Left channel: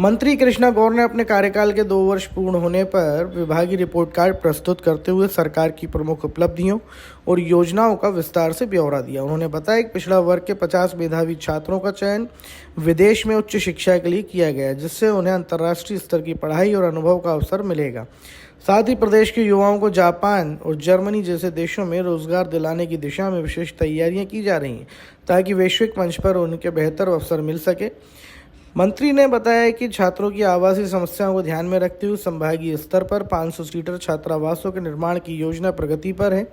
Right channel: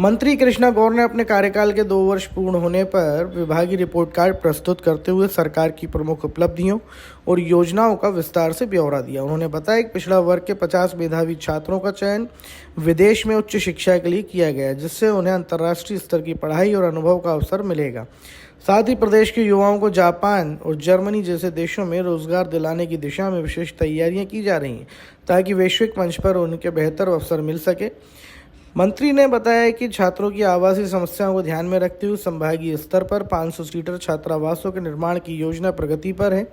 मंत्री कृष्णा गौर ने अपने कार्यकाल के 2 वर्ष पूर्ण होने पर विभागीय रिपोर्ट कार्ड प्रस्तुत करते हुए सरकार की प्रमुख उपलब्धियों और योजनाओं का विस्तार से ब्यौरा दिया। उन्होंने बताया कि पिछड़ा वर्ग के 50 मेधावी छात्रों का चयन विदेश में उच्च शिक्षा के लिए किया गया, जिससे उन्हें अंतर्राष्ट्रीय स्तर की पढ़ाई और अनुभव का अवसर मिलेगा। साथ ही प्रदेश के युवाओं को जापान और जर्मनी जैसे देशों में रोजगार दिलाने की दिशा में विशेष तैयारियां की जा रही हैं, ताकि वैश्विक मंच पर उनके बेहतर अवसर मिल सके। मंत्री ने बताया कि छात्रों की आवासीय समस्याओं को ध्यान में रखते हुए संभागीय स्तर पर 500 सीटर छात्रावासों के निर्माण की योजना प्रगति पर है,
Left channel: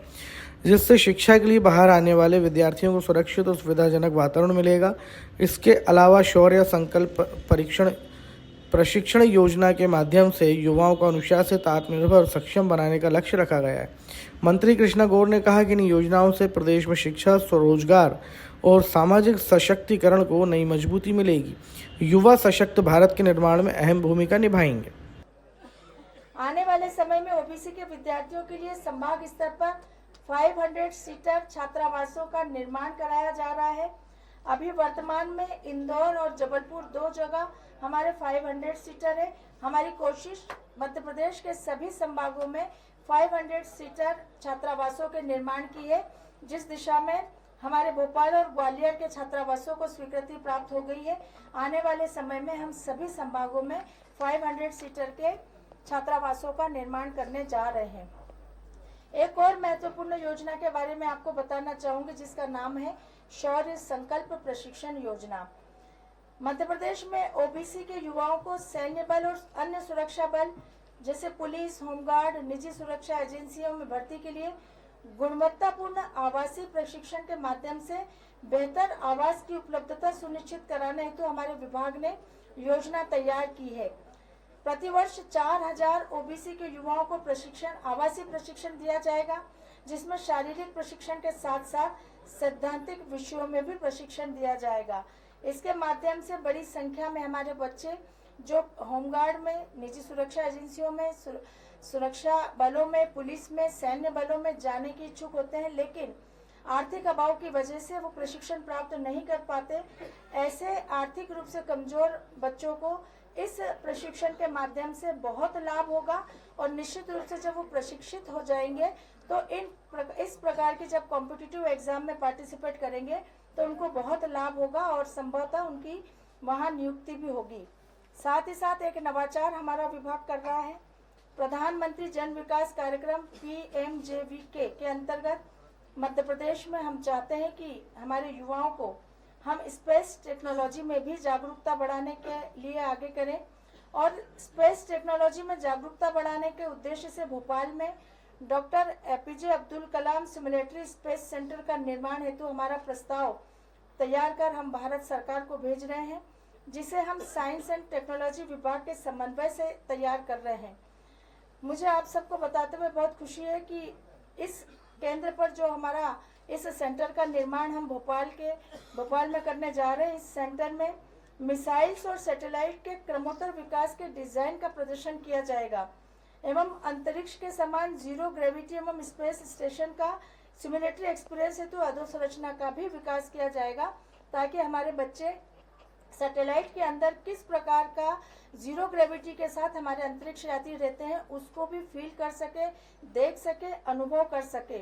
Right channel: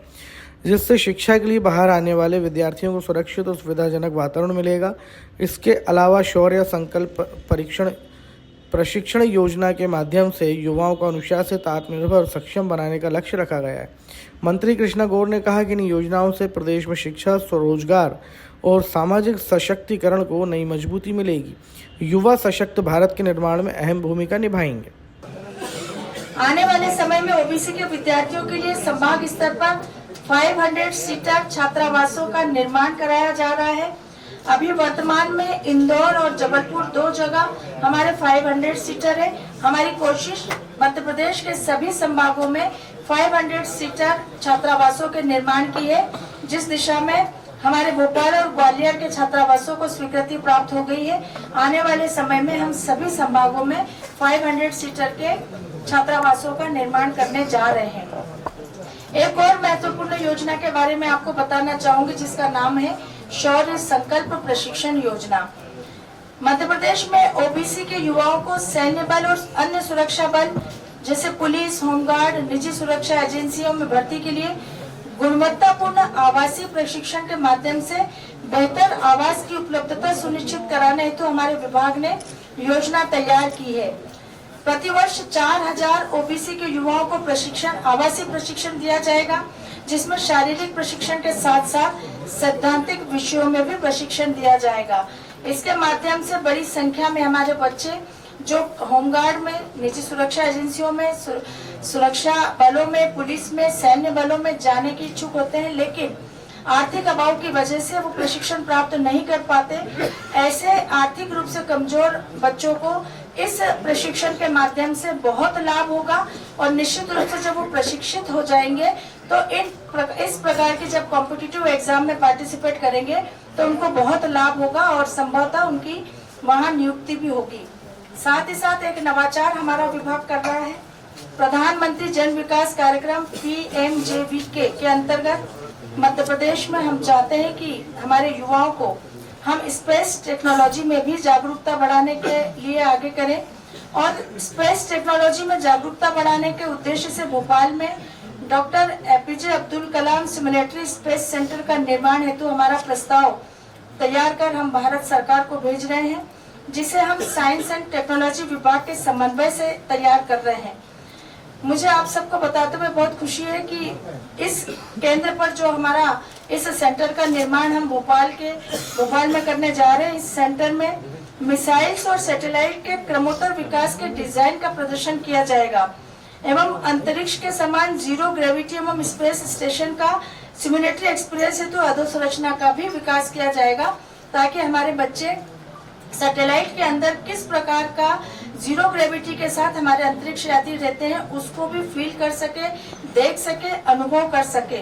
जिससे शिक्षा के लिए बाहर आने वाले विद्यार्थियों को सुरक्षित और सुविधाजनक वातावरण मिलेगा। इसके अलावा शौर्य संकल्प प्रशिक्षण योजना के माध्यम से युवाओं को अनुशासित, आत्मनिर्भर और सक्षम बनाने का लक्ष्य रखा गया है। मंत्री कृष्णा गौर ने कहा कि इन योजनाओं से प्रदेश में शिक्षा, स्वरोजगार और सामाजिक सशक्तिकरण को नई मजबूती मिलेगी। युवा सशक्त भारत के निर्माण में अहम भूमिका निभाएंगे। आने वाले समय में ओबीसी के विद्यार्थियों के लिए संभाग स्तर पर 500 सीटर छात्रावासों का निर्माण कराया जा रहा है। अभी वर्तमान में इंदौर और जबलपुर 2 जगह हमारे 500 सीटर है। हमारी कोशिश मध्य प्रदेश के सभी संभागों में 500 सीटर छात्रावासों के निर्माण की है, जिस दिशा में हमारे भोपाल और ग्वालियर के छात्रावासों को स्वीकृति प्राप्त हो गई है। आने वाले समय में हम सभी संभागों में 500 सीटर के छात्रावासों का निर्माण करने जा रहे हैं। एक और महत्वपूर्ण योजना के बारे में आपको बताना चाहूंगी, जिसका नाम है शौर्य संकल्प प्रशिक्षण योजना। मध्य प्रदेश में ओबीसी के युवाओं को सैन्य बल और अन्य सुरक्षा बल जैसे पुलिस, होमगार्ड, निजी सुरक्षा एजेंसियों में भर्ती के लिए गुणवत्तापूर्ण आवासीय प्रशिक्षण के माध्यम से बेहतर आवास की उपलब्धता सुनिश्चित कराने हेतु हमारे विभाग ने योजना तैयार की है। प्रतिवर्ष 4000 ओबीसी के युवाओं को आवासीय प्रशिक्षण दिया जाएगा, जिसमें शारीरिक प्रशिक्षण के साथ साथ सैद्धांतिक विषयों में भी प्रशिक्षण दिया जाएगा। इसके माध्यम से बड़ी संख्या में हमारे बच्चे जो होमगार्ड में, निजी सुरक्षा एजेंसियों में, सुरक्षा बलों में, पुलिस में, सैन्य बलों में जाने के इच्छुक होते हैं, लेकिन आर्थिक अभाव की वजह से वो प्रशिक्षण प्राप्त नहीं कर पाते। ऐसे आर्थिक रूप से कमजोर बच्चों को इस प्रशिक्षण के माध्यम से बहुत लाभ होगा और निश्चित रूप से जब वो प्रशिक्षित हो जाएंगे तो इस प्रकार के जब कॉम्पिटिटिव एग्जाम में पार्टिसिपेट करेंगे तो उनको बहुत लाभ होगा और संभवतः उनकी वहाँ नियुक्ति भी होगी। साथ ही साथ एक नवाचार हमारा विभाग कर रहा है। प्रधानमंत्री जन विकास कार्यक्रम PMJVK के अंतर्गत मध्य प्रदेश में हम चाहते हैं कि हमारे युवाओं को हम स्पेस टेक्नोलॉजी में भी जागरूकता बढ़ाने के लिए आगे करें और स्पेस टेक्नोलॉजी में जागरूकता बढ़ाने के उद्देश्य से भोपाल में doctor APJ Abdul Kalam सिमुलेटरी space centre का निर्माण हेतु हमारा प्रस्ताव तैयार कर हम भारत सरकार को भेज रहे हैं, जिसे हम साइंस एंड टेक्नोलॉजी विभाग के समन्वय से तैयार कर रहे हैं। मुझे आप सबको बताते हुए बहुत खुशी है कि इस केंद्र पर जो हमारा इस सेंटर का निर्माण हम भोपाल में करने जा रहे हैं। इस सेंटर में मिसाइल्स और सैटेलाइट के क्रमोत्तर विकास के डिजाइन का प्रदर्शन किया जाएगा एवं अंतरिक्ष के समान जीरो ग्रेविटी एवं स्पेस स्टेशन का सिमुलेटरी एक्सपीरियंस हेतु अधोसंरचना का भी विकास किया जाएगा, ताकि हमारे बच्चे सैटेलाइट के अंदर किस प्रकार का जीरो ग्रेविटी के साथ हमारे अंतरिक्ष यात्री रहते हैं उसको भी फील कर सके, देख सके, अनुभव कर सके।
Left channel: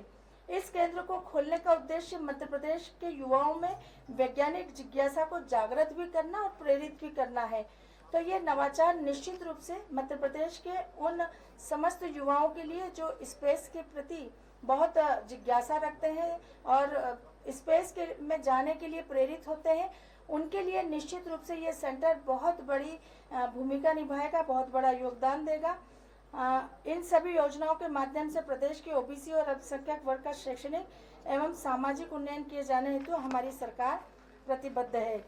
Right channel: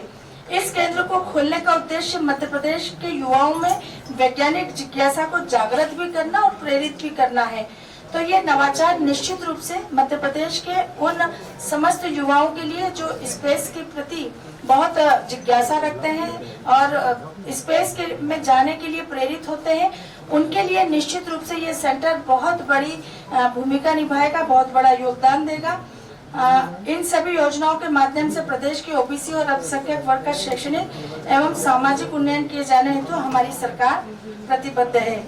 इस केंद्र को खोलने का उद्देश्य मध्य प्रदेश के युवाओं में वैज्ञानिक जिज्ञासा को जागृत भी करना और प्रेरित भी करना है। तो ये नवाचार निश्चित रूप से मध्य प्रदेश के उन समस्त युवाओं के लिए जो स्पेस के प्रति बहुत जिज्ञासा रखते हैं और स्पेस में जाने के लिए प्रेरित होते हैं, उनके लिए निश्चित रूप से ये सेंटर बहुत बड़ी भूमिका निभाएगा, बहुत बड़ा योगदान देगा। इन सभी योजनाओं के माध्यम से प्रदेश के ओबीसी और अल्पसंख्यक वर्ग का शैक्षणिक एवं सामाजिक उन्नयन किए जाने हेतु हमारी सरकार प्रतिबद्ध है।